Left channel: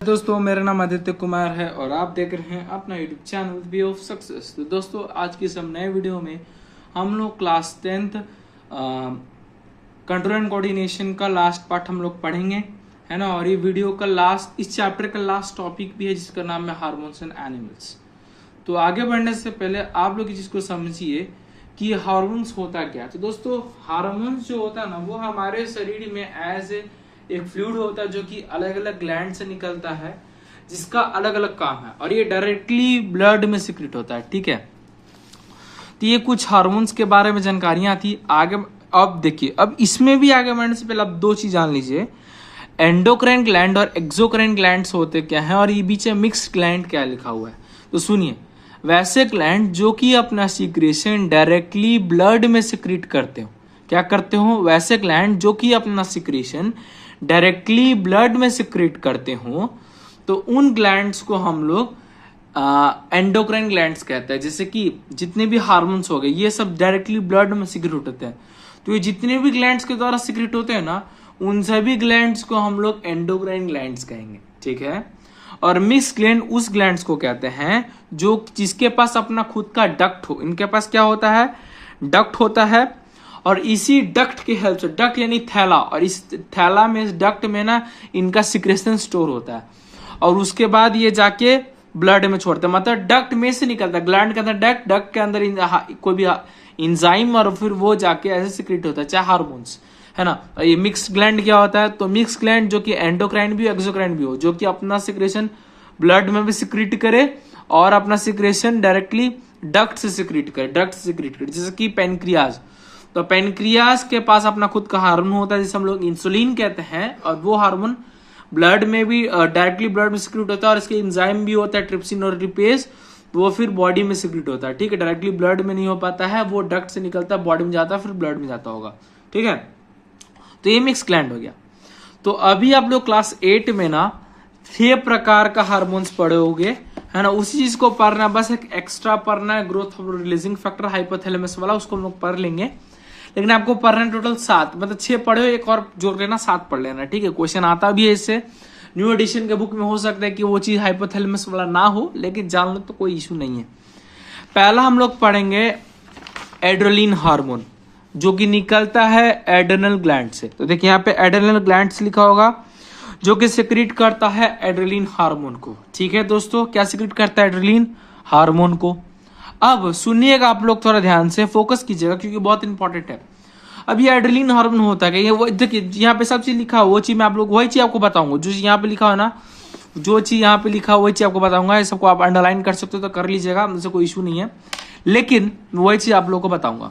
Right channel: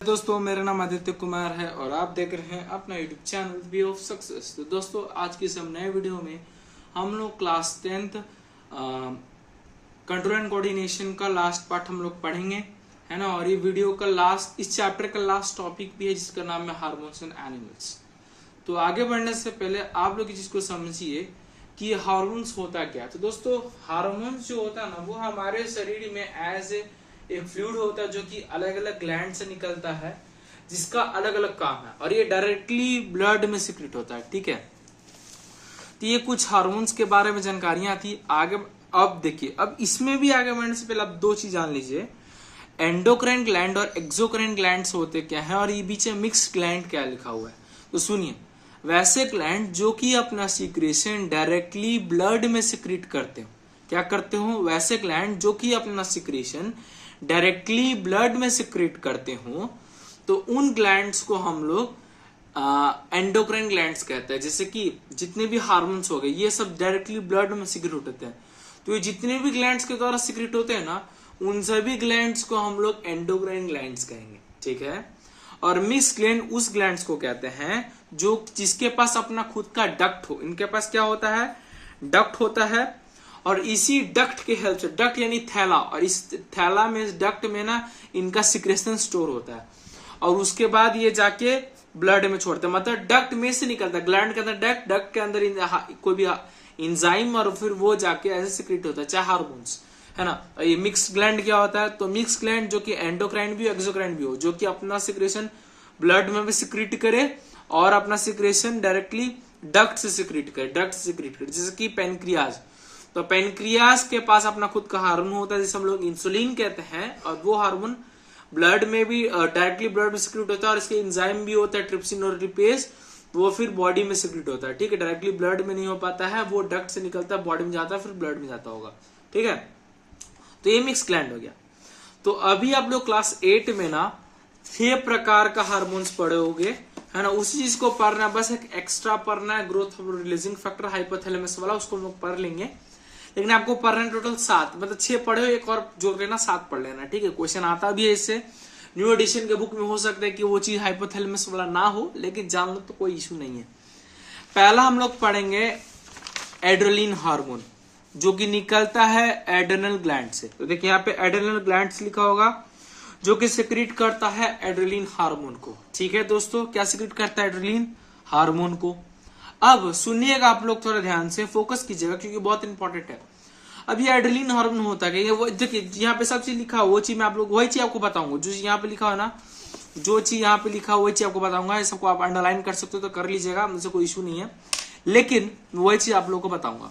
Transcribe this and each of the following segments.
दोस्तों, मेरा नाम आदित्य कुमार है और आप देख रहे हैं अपना YouTube channel way of success. तो दोस्तों, आज की इस नए वीडियो में हम लोग class 10th control and coordination का लास्ट पार्ट हम लोग पढ़ेंगे, है ना। और ये वीडियो का लास्ट, इस चैप्टर का लास्ट टॉपिक भी है जिसका नाम है हार्मोन्स एंड एनिमल्स। तो आगे बढ़ने से पहले आप लोग इस चीज को समझिए कि हार्मोन्स होता क्या है। तो दोस्तों, हार्मोन्स जो होता है ना, वो हमारे शरीर में एज एक फ्लूइड होता है जो कि अलग अलग ग्लैंड से निकलता है, जिसका अलग अलग काम है और ये डायरेक्टली ब्लड में सिक्रेट होता है, ठीक है। तो ये कुछ हार्मोन्स के बारे में जानकारियां थी। आगे अब देखिए, अब इसमें भी आगे बढ़ने से पहले आप दो चीज जान लीजिए, एंडोक्राइन ग्लैंड और एक्सोक्राइन ग्लैंड्स होते क्या है और ये बीच में मिक्स ग्लैंड क्या लिखा हुआ है। तो सुनिए, वैसे ग्लैंड जो कि अपना सीक्रेशन डायरेक्टली ब्लड में सिक्रेट करते हो, क्या करते हो, वैसे ग्लैंड जो कि अपना सीक्रेशन डायरेक्टली ब्लड में सिक्रेट करते हो, तो उन ग्लैंड्स को हम लोग एंडोक्राइन ग्लैंड्स कहते हैं। जैसे कि जितने भी हार्मोन्स हो गए, ये सब डायरेक्टली ब्लड में सिक्रेट होते हैं। तो ये जितने भी ग्लैंड्स के द्वारा सिक्रेट होते हैं ना, उन सभी ग्लैंड्स को हम लोग एंडोक्राइन ग्लैंड्स कहेंगे, ठीक है। और मिक्स ग्लैंड उस ग्लैंड्स को कहते हैं जो जिसके पास अपना खुद का डक्ट हो। इनके पास क्या होता है, डक्ट होता है, और इसी डक्ट के हेल्प से, डक्ट यानी थैला, और इस थैला में, इस डक्ट में ना इनका सिक्रेशन स्टोर होता है और उसके बाद ये जाके ब्लड में छोड़ते हैं। मतलब डक्ट में से निकलता है, ग्लैंड के अंदर डक्ट, डक्ट के अंदर कोई भी इंजाइम, और फिर वो जाके ऐसे सिक्रेट होता है, चाहे हार्मोन्स, है ना। ये मिक्स ग्लैंड क्या होता है, तो मिक्स ग्लैंड जो कि एंडोक्राइन भी हो, एक्सोक्राइन भी हो, जो कि अपना सिक्रेशन ब्लड में भी सिक्रेट करे और अपना सिक्रेशन डायरेक्टली डक्ट से सिक्रेट करे, जैसे कि पेनक्रियाज। तो पेनक्रियाज के पास अपना खुद का हार्मोन होता है जिसे हम लोग इंसुलिन कहते हैं, और वो हार्मोन ब्लड में भी डायरेक्टली ब्लड में सिक्रेट होता है, और इसके एंजाइम भी होता है ट्रिप्सिन और रिपेज, वो फिर बॉडी में सिक्रेट होता है, ठीक है। डायरेक्टली ब्लड में नहीं हो पाता है, वो डक्ट से निकलता है, बॉडी में जाता है, फिर ब्लड में जाता होगा, ठीक है। तो ये मिक्स ग्लैंड हो गया। तो अभी आप लोग क्लास 8 में ना 6 प्रकार का हार्मोन्स पढ़े होंगे, है ना। उसी चीज को पढ़ना, बस एक एक्स्ट्रा पढ़ना है, ग्रोथ रिलीजिंग फैक्टर हाइपोथैलेमस वाला, उसको हम लोग पढ़ लेंगे। लेकिन आपको पढ़ना टोटल 7, मतलब 6 पढ़े हो, एक और जोड़ लेना, 7 पढ़ लेना, ठीक है। क्वेश्चन आता भी है इससे, न्यू एडिशन के बुक में हो सकता है कि वो चीज हाइपोथैलेमस वाला ना हो, लेकिन जान लो तो कोई इशू नहीं है। पहला हम लोग पढ़ेंगे एड्रेनलिन हार्मोन, जो कि निकलता है एड्रेनल ग्लैंड से। तो देखिए यहाँ पे एड्रेनल ग्लैंड से लिखा होगा, जो कि सिक्रेट करता है एड्रेनलिन हार्मोन को, ठीक है दोस्तों। क्या सिक्रेट करता है, एड्रेनलिन हार्मोन को। अब सुनिएगा आप लोग, थोड़ा ध्यान से फोकस कीजिएगा क्योंकि बहुत इंपॉर्टेंट है। अब ये एड्रेनलिन हार्मोन होता है, ये वो देखिए यहाँ पे सब चीज लिखा है, वो चीज मैं आप लोग वही चीज आपको बताऊंगा जो यहाँ पे लिखा है ना, जो चीज यहाँ पे लिखा है वही चीज आपको बताऊंगा। ये सबको आप अंडरलाइन कर सकते हो तो कर लीजिएगा, मुझसे कोई इशू नहीं है, लेकिन वही चीज आप लोग को बताऊंगा।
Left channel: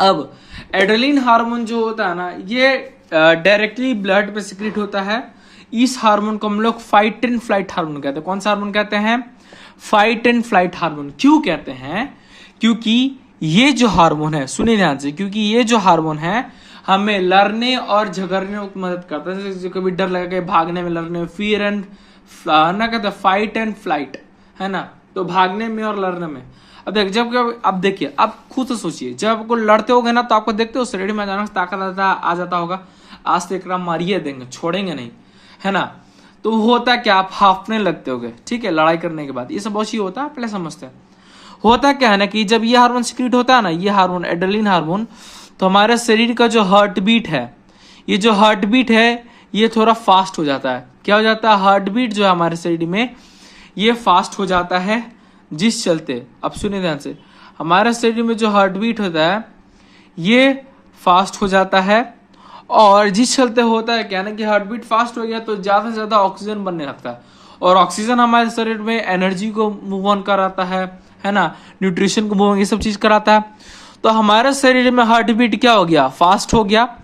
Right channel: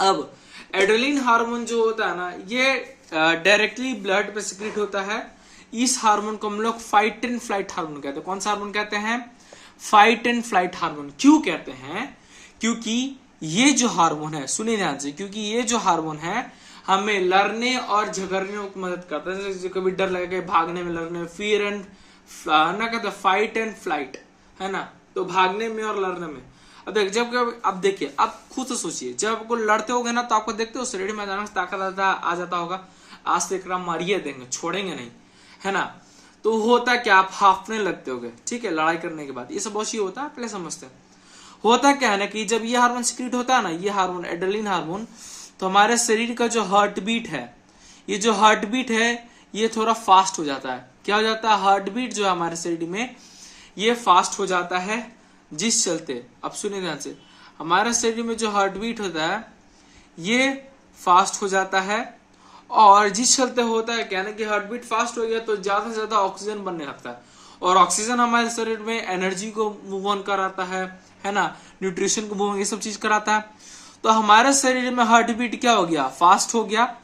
अब एड्रेनलिन हार्मोन जो होता है ना, ये डायरेक्टली ब्लड पे सिक्रेट होता है। इस हार्मोन को हम लोग फाइट एंड फ्लाइट हार्मोन कहते हैं। कौन सा हार्मोन कहते हैं, फाइट एंड फ्लाइट हार्मोन। क्यों कहते हैं, क्योंकि ये जो हार्मोन है, सुनिए ध्यान से, क्योंकि ये जो हार्मोन है हमें लड़ने और झगड़ने में मदद करता है। जैसे कभी डर लगा भागने में, लड़ने में, फियर एंड ना कहते हैं फाइट एंड फ्लाइट, है ना। तो भागने में और लड़ने में। अब देखिए, आप खुद से सोचिए, जब आपको लड़ते होगे ना, तो आपको देखते हो शरीर में अचानक ताकत आ जाता होगा, आज से एक मारिए देंगे, छोड़ेंगे नहीं, है ना। तो होता क्या, आप हाफने लगते होगे, ठीक है, लड़ाई करने के बाद। ये सब बहुत ही होता है, पहले समझते हैं। होता क्या है ना कि जब ये हार्मोन सिक्रेट होता है ना, ये हार्मोन एड्रेनलिन हार्मोन, तो हमारे शरीर का जो हार्ट बीट है, ये जो हार्ट बीट है ये थोड़ा फास्ट हो जाता है। क्या हो जाता है, हार्ट बीट जो है हमारे शरीर में ये फास्ट हो जाता है, जिस चलते, अब सुनिए ध्यान से, हमारे शरीर में जो हार्ट बीट होता है ये फास्ट हो जाता है, और जिस चलते होता है क्या ना कि हार्ट बीट फास्ट हो गया तो ज्यादा से ज्यादा ऑक्सीजन बनने लगता है, और ऑक्सीजन हमारे शरीर में एनर्जी को मूव ऑन कराता है ना, न्यूट्रिशन को मूव ऑन, ये सब चीज कराता है। तो हमारे शरीर में हार्ट बीट क्या हो गया, फास्ट हो गया।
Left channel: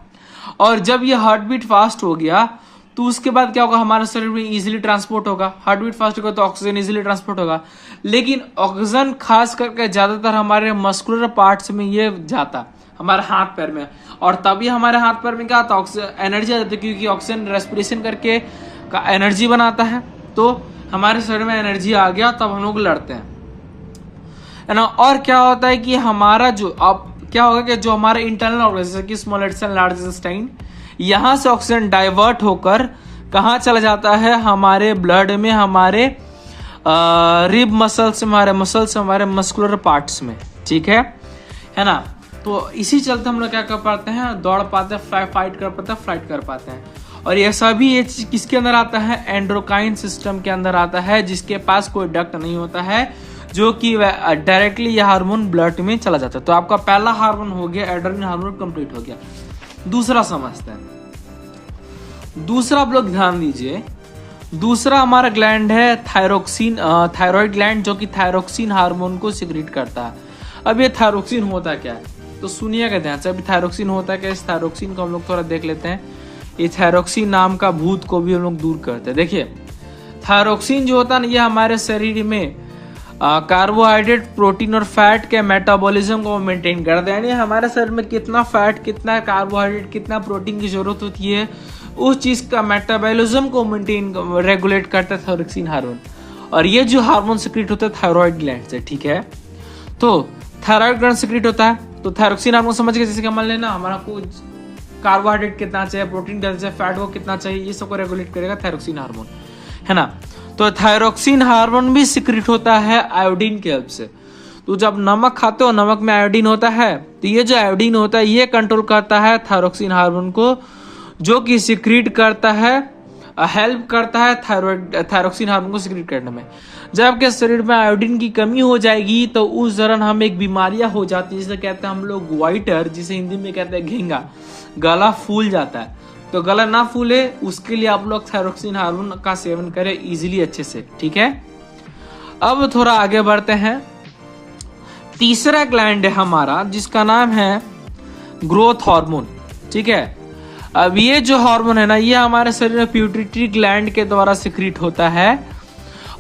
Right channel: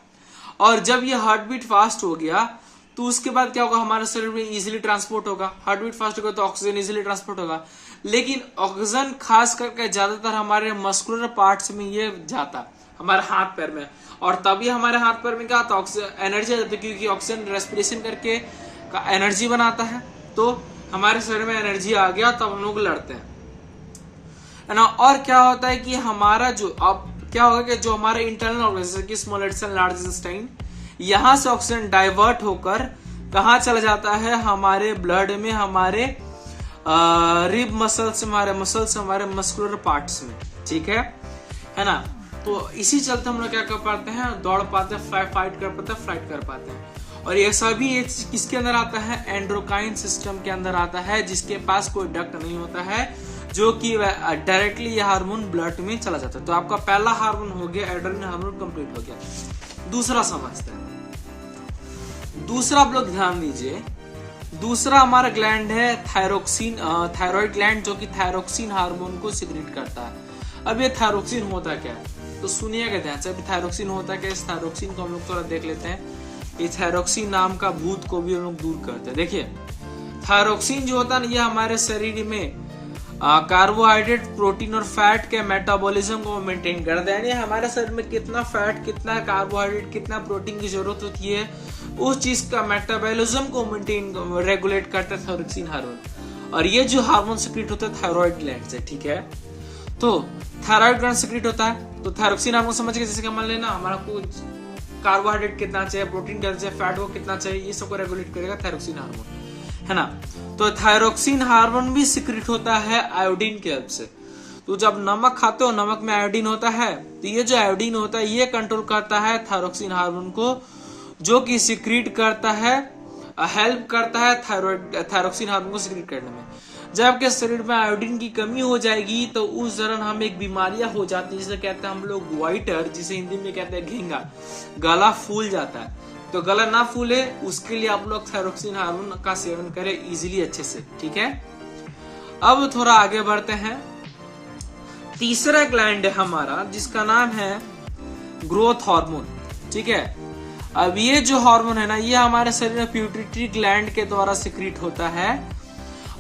और जब ये हार्ट बीट फास्ट हो गया तो उसके बाद क्या होगा, हमारे शरीर में इजीली ट्रांसपोर्ट होगा। हार्ट बीट फास्ट होगा तो ऑक्सीजन इजीली ट्रांसपोर्ट होगा, लेकिन ऑक्सीजन खास करके ज्यादातर हमारे मस्कुलर पार्ट्स में ये जाता है, हमारे हाथ पैर में, और तभी हमारे हाथ पैर में क्या आता है, एनर्जी आ जाती है, क्योंकि ऑक्सीजन रेस्पिरेशन करके का एनर्जी बनाता है। तो हमारे शरीर में एनर्जी आ गया, तब हम लोग लड़ते हैं, है ना। और क्या होता है कि हमारा जो, अब क्या होगा कि जो हमारे इंटरनल ऑर्गन, जैसे कि स्मॉल इंटेस्टाइन, लार्ज इंटेस्टाइन, यहां से ऑक्सीजन डाइवर्ट होकर कहाँ चला जाता है? हमारे ब्लड में, हमारे रिब मसल्स, हमारे मसल्स, हमारे मस्कुलर पार्ट्स में, ठीक है ना। तो इसी चलते हम लोग क्या कर पाते हैं? दौड़ पाते हैं, फाइट कर पाते हैं, फ्लाइट कर पाते हैं। और ये सभी ये चीज किसके अंदर आता है? एंड्रोक्राइन सिस्टम के अंदर आता है, जिसके पास कोई डक्ट नहीं होता है, जो कि डायरेक्टली यह हार्मोन ब्लड में चला जाता है। तो आपका पहला हार्मोन हो गया, एड्रेनलिन हार्मोन कंप्लीट हो गया। दूसरा समझते हैं। दूसरा आप लोग ध्यान दीजिए, दूसरा हमारा ग्लैंड है थायरोक्सिन, थायराइड ग्लैंड, जो कि थायरोक्सिन हार्मोन को सिक्रीट करता है। अब ये थायरोक्सिन होता क्या है? तो सुनिएगा ध्यान से। अभी थायरोक्सिन होता है क्या? इस थायरोक्सिन को हम लोग थोड़ा देख लेते हैं। ये थायरोक्सिन नाम का भूत को भी हम लोग दूर करते हैं। देखिए, थायरोक्सिन जो होता है ना, ये हमारे शरीर में कार्बोहाइड्रेट, प्रोटीन और फैट के मेटाबॉलिज्म को मेंटेन करते हैं। यानी हमारे शरीर में कितना फैट, कितना कार्बोहाइड्रेट, कितना प्रोटीन की जरूरत होती है, उस चीज का मेटाबॉलिज्म को मेंटेन, रेगुलेट करता है थायरोक्सिन हार्मोन। और ये जो हार्मोन सिक्रीट होता है थायराइड ग्लैंड से, ठीक है। तो थायराइड ग्लैंड सिक्रीट होता है, तो थायरोक्सिन हार्मोन समझ के, जैसे कि मान लेना हमारा को कार्बोहाइड्रेट कितना चाहिए, प्रोटीन कितना चाहिए, फैट को कितना चाहिए, ये सबको रेगुलेट करेगा थायरोक्सिन हार्मोन, है ना। तो थायरोक्सिन हार्मोन भी सिक्रीट होता है आयोडीन के हेल्प से। तो जब नमक खाते हो, नमक में आयोडीन होता है, तो ये जो आयोडीन होता है ये कंट्रोल करता है थायरोक्सिन हार्मोन को, जो कि सिक्रीट करता है, हेल्प करता है थायरोक्सिन हार्मोन को सिक्रीट करने में। जब आपके शरीर में आयोडीन की कमी हो जाएगी तो उस दौरान हम एक बीमारियां हो जाती है, जिसे कहते हैं हम लोग वाइटर, जिसे हिंदी में कहते हैं घेंगा, गला फूल जाता है। तो गला ना फूले उसके लिए आप लोग थायरोक्सिन हार्मोन का सेवन करें इजीली, अच्छे से, ठीक है। अब थोड़ा आगे बढ़ते हैं। तीसरा ग्लैंड है हमारा, जिसका नाम है ग्रोथ हार्मोन, ठीक है। अब ये जो हार्मोन है ना, ये हमारे शरीर में पिट्यूटरी ग्लैंड के द्वारा सिक्रीट होता है।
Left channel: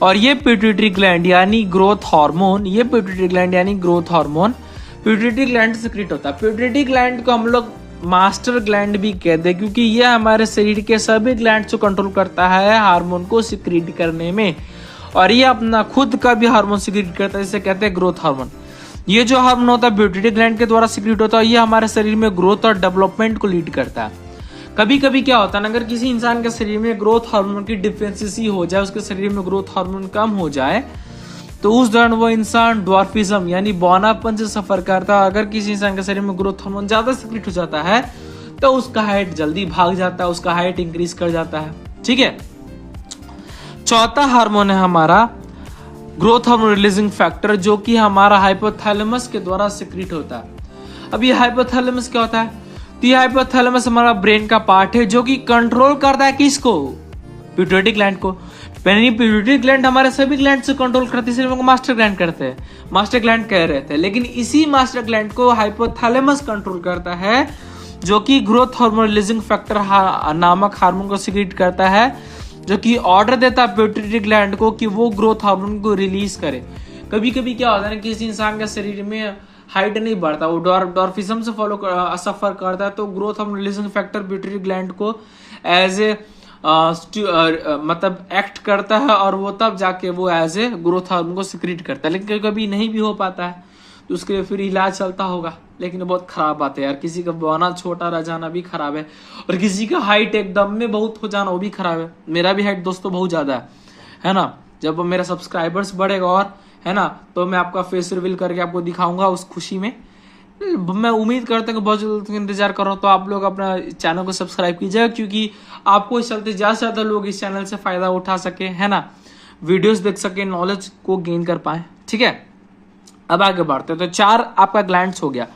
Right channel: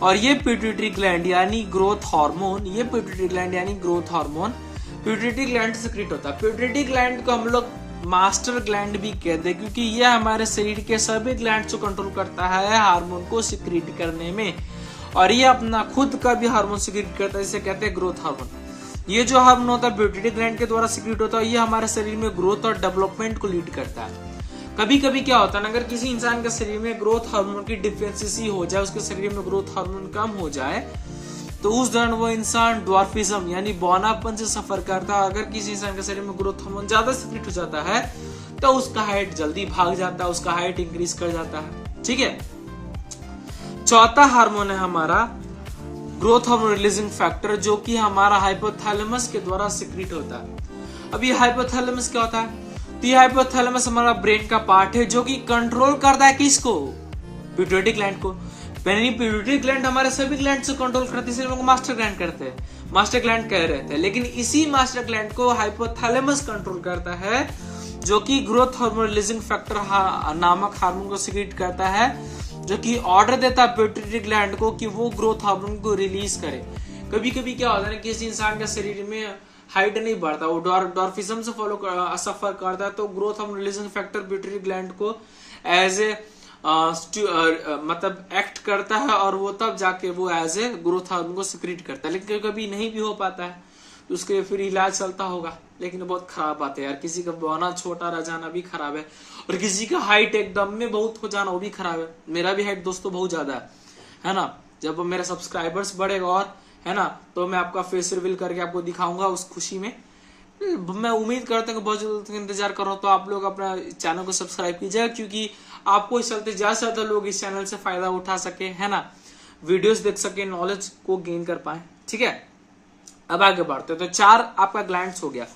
और ये पिट्यूटरी ग्लैंड यानी ग्रोथ हार्मोन, ये पिट्यूटरी ग्लैंड यानी ग्रोथ हार्मोन पिट्यूटरी ग्लैंड से सिक्रीट होता है। पिट्यूटरी ग्लैंड को हम लोग मास्टर ग्लैंड भी कहते हैं, क्योंकि यह हमारे शरीर के सभी ग्लैंड को कंट्रोल करता है हार्मोन को सिक्रीट करने में। और ये अपना खुद का भी हार्मोन सिक्रीट करता है, जिसे कहते हैं ग्रोथ हार्मोन। ये जो हार्मोन होता है पिट्यूटरी ग्लैंड के द्वारा सिक्रीट होता है, ये हमारे शरीर में ग्रोथ और डेवलपमेंट को लीड करता है। कभी कभी क्या होता है ना, अगर किसी इंसान के शरीर में ग्रोथ हार्मोन की डिफिशिएंसी हो जाए, उसके शरीर में ग्रोथ हार्मोन कम हो जाए, तो उस दौरान वो इंसान ड्वार्फिज्म यानी बौनापन से सफर करता है। अगर किसी इंसान के शरीर में ग्रोथ हार्मोन ज्यादा सिक्रीट हो जाता है तो उसका हाइट जल्दी भाग जाता है, उसका हाइट इंक्रीज कर जाता है, ठीक है। चौथा हार्मोन है हमारा ग्रोथ हार्मोन रिलीजिंग फैक्टर, जो कि हमारा हाइपोथैलेमस के द्वारा सिक्रीट होता है। अब ये हाइपोथैलेमस क्या होता है? तो ये हाइपोथैलेमस हमारा ब्रेन का पार्ट है, जो कि कंट्रोल करता है किसको? पिट्यूटरी ग्लैंड को। पिट्यूटरी ग्लैंड हमारे सभी ग्लैंड से कंट्रोल करती है, इसलिए मास्टर ग्लैंड करते हैं, मास्टर ग्लैंड कह रहे थे। लेकिन इसी मास्टर ग्लैंड को हाइपोथैलेमस कंट्रोल करता है, जो कि ग्रोथ हार्मोन रिलीजिंग फैक्टर नामक हार्मोन को सिक्रीट करता है, जो कि ऑर्डर देता है पिट्यूटरी ग्लैंड को कि वो ग्रोथ हार्मोन को रिलीज करे। कभी कभी क्या होता है ना, किसी इंसान के शरीर में हाइट नहीं बढ़ता, वो डॉर्फिज्म से सफर करता है, तो growth hormone releasing factor pituitary gland को एज ए मतलब एक्ट करता है, और वो तब जाके वो एज ए ग्रोथ हार्मोन को सिक्रीट करता है। लेकिन कभी नहीं भी हो पाता है तो उसके लिए फिर इलाज चलता होगा, लेकिन बहुत खराब बात है यार। किसी का बना छोटा रह जाना भी खराब है, और किसी का हाइट एकदम में बहुत हो जाना वो भी खराब है। मेरा भी हाइट दोस्तों बहुत ज्यादा है ना। जब मेरा सब्सक्राइबर्स बढ़ेगा और, है ना, तो मैं आपका फेस रिवील करके आपको दिखाऊंगा उस खुशी में। मैं उम्मीद करता हूँ कि बहुत जल्द इंतजार कर रहा हूँ। तो आप लोग अपना चैनल को सब्सक्राइब कीजिएगा, क्योंकि आपको इस चलते ज्यादा से ज्यादा लोग इस चैनल से फायदा उठा सके, है ना, वीडियोस देख सके, नॉलेज को गेन कर पाए, ठीक है। अब आगे बढ़ते हैं। तो 4 आपका ग्लैंड्स हो गया।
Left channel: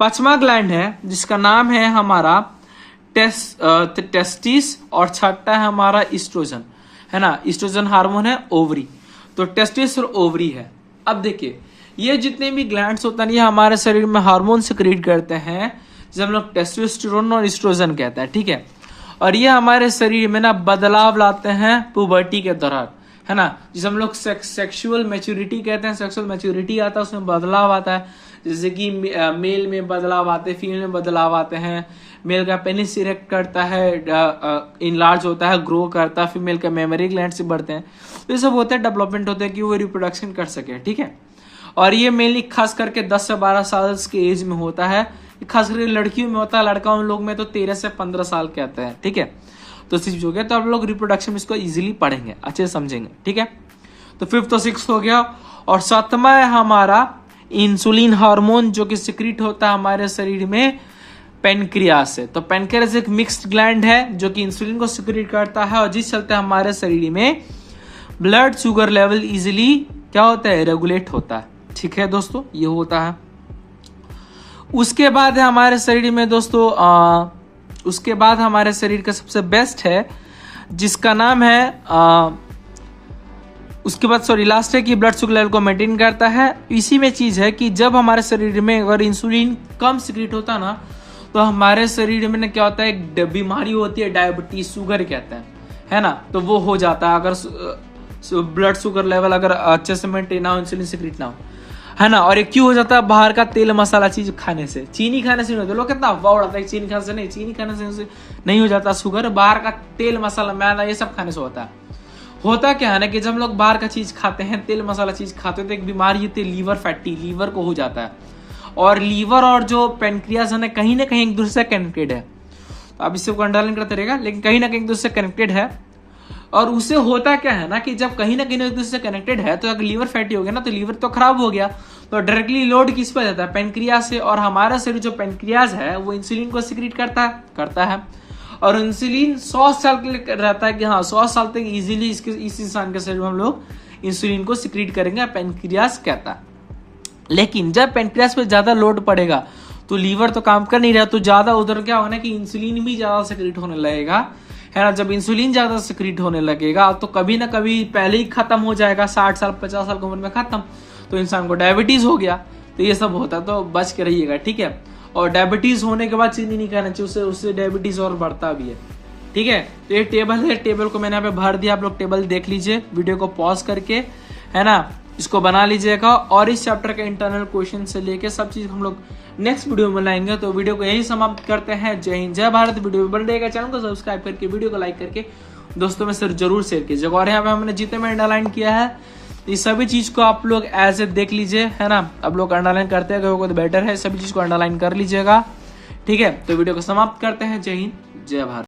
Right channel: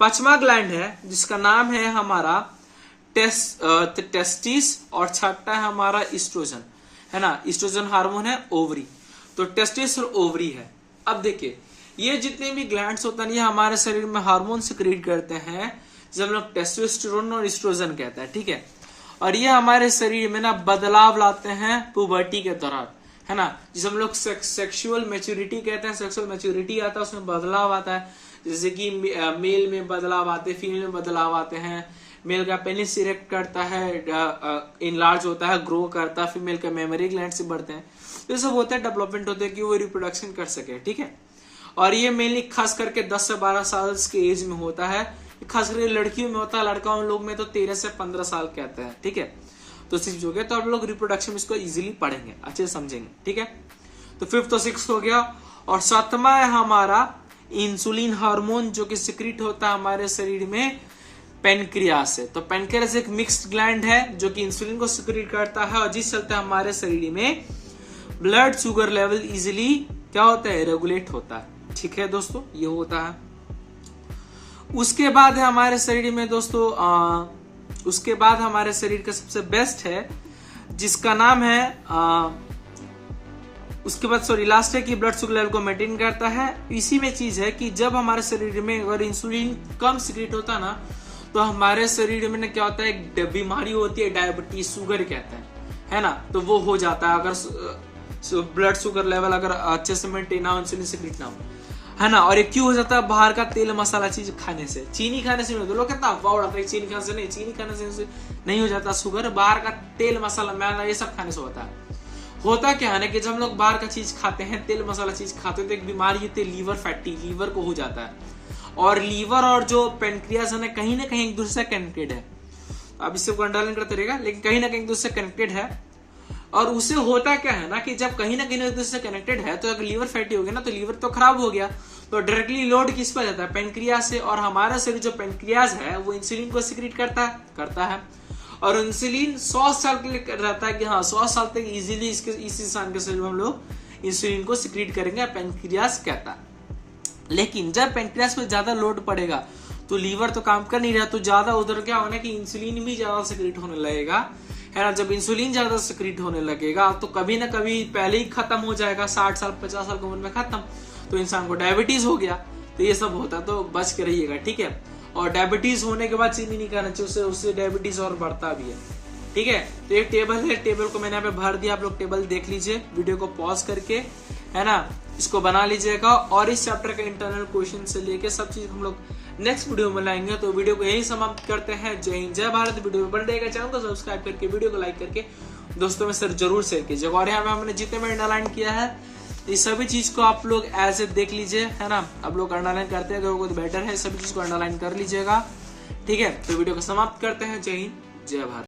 5वां ग्लैंड है जिसका नाम है हमारा टेस्टिस, और 6वां है हमारा ईस्ट्रोजन, है ना। ईस्ट्रोजन हार्मोन है ओवरी, तो टेस्टिस और ओवरी है। अब देखिए, ये जितने भी ग्लैंड्स होते हैं ये हमारे शरीर में हार्मोन सिक्रीट करते हैं, जिसे हम लोग टेस्टोस्टेरोन और ईस्ट्रोजन कहते हैं, ठीक है। और ये हमारे शरीर में ना बदलाव लाते हैं पुबर्टी के दौरान, है ना, जिसे हम लोग सेक्सुअल मैच्योरिटी कहते हैं। सेक्सुअल मैच्योरिटी आता है, उसमें बदलाव आता है, जैसे कि मेल में बदलाव आते हैं, फीमेल में बदलाव आते हैं। मेल का पेनिस इरेक्ट करता है, इनलार्ज होता है, ग्रो करता है। फीमेल का मेमोरी ग्लैंड से बढ़ते हैं। तो ये सब होता है, डेवलपमेंट होता है कि वो रिप्रोडक्शन कर सके, ठीक है। और ये मेनली खास करके 10 से 12 साल के एज में होता है, खास करके लड़कियों में होता है। लड़काओं लोग में तो 13 से 15 साल के आता है, ठीक है। तो 6 हो गया। तो आप लोग रिप्रोडक्शन में इसको इजीली पढ़ेंगे, अच्छे से समझेंगे, ठीक है। तो 5th तो 6 हो गया। और 7वां है हमारा इंसुलिन हार्मोन, जो कि सिक्रीट होता है हमारे शरीर में पेनक्रियास से। तो पेनक्रियास एक मिक्स्ड ग्लैंड है जो कि इंसुलिन को सिक्रीट करता है, और जिस चलते हमारे शरीर में ब्लड शुगर लेवल इजीली क्या होता है, रेगुलेट होता है, ठीक है दोस्तों, ये होता है। उसके बाद है हमारे शरीर में दोस्तों उसके बाद हमारे शरीर का सबसे बेस्ट है जिसका नाम है उसके बाद लास्ट है कि ब्लड शुगर लेवल को मेंटेन करता है। इसी में चीज है कि जब हमारे शरीर में अगर इंसुलिन कम सिक्रीट होता ना, तो हमारे शरीर में ना क्या होता है, एक बीमारी होती है डायबिटीज, शुगर कहता है ना, तो वो हो जाता है अगर ब्लड शुगर लेवल अगर अच्छे से मेंटेन ना हो, इंसुलिन सिक्रीट ना हो, है ना। और एक क्यों हो जाता है, बाहर का तेल मसाला चीज खाने से, चीनी खाने से नहीं होता। लोग कितना अफवाह उड़ाता है चीनी खाने से, नहीं, चीनी खाने से नहीं हो जाता शुगर, बाहर का तेल मसाला मैदा ये सब खाने से होता क्या है ना कि जब हम लोग बाहर का चीज खाते हैं, तेल मसाला चीज खाते हैं, तो एक बीमारी होती है लीवर फैटी, लीवर को हो जाता है। और लीवर और जो पेनक्रियास है ना कहीं एक दूसरे से कनेक्टेड है। तो आप इससे अंडरलाइन करते रहेगा, लेकिन कहीं ना कहीं एक दूसरे से कनेक्टेड है। और उससे होता क्या है ना कि जब कहीं ना कहीं एक दूसरे से कनेक्टेड है, तो अगर लीवर फैटी हो गया ना, तो लीवर तो खराब हो गया, तो डायरेक्टली लोड किस पर जाता है, पेनक्रियास से। और हमारा शरीर जो पेनक्रियास है वो इंसुलिन को सिक्रीट करता है। और इंसुलिन 100 साल के लिए रहता है कि हाँ 100 साल तक इजीली इस इंसान के शरीर में हम लोग इंसुलिन को सिक्रीट करेंगे, पेनक्रियास कहता है। लेकिन जब पेनक्रियास पे ज्यादा लोड पड़ेगा तो लीवर तो काम कर नहीं रहा, तो ज्यादा उधर क्या होना कि इंसुलिन भी ज्यादा सिक्रीट होने लगेगा, है ना। जब इंसुलिन ज्यादा सिक्रीट होने लगेगा तो कभी ना कभी पहले ही खत्म हो जाएगा, 60 साल 50 साल की उम्र में खत्म, तो इंसान को डायबिटीज हो गया। तो ये सब होता है, तो बच के रहिएगा, ठीक है। और डायबिटीज होने के बाद चीनी नहीं खाना चाहिए, उससे डायबिटीज और बढ़ता भी है, ठीक है। तो ये टेबल है, टेबल को मैंने यहाँ पे भर दिया, आप लोग टेबल देख लीजिए वीडियो को पॉज करके, है ना, इसको बना लीजिएगा। और इस चैप्टर के इंटरनल क्वेश्चन से लेके सब चीज हम लोग नेक्स्ट वीडियो में बनाएंगे। तो वीडियो को यही समाप्त करते हैं। जय हिंद, जय भारत। वीडियो बन रहेगा, चैनल को सब्सक्राइब करके वीडियो को लाइक करके दोस्तों में सिर्फ जरूर शेयर कीजिएगा। और यहाँ पे हमने जितने में अंडरलाइन किया है, इस सभी चीज को आप लोग एज ए देख लीजिए, है ना। आप लोग अंडरलाइन करते हैं तो बेटर है, सभी चीज को अंडरलाइन कर लीजिएगा, ठीक है। तो वीडियो को समाप्त करते हैं। जय हिंद, जय भारत।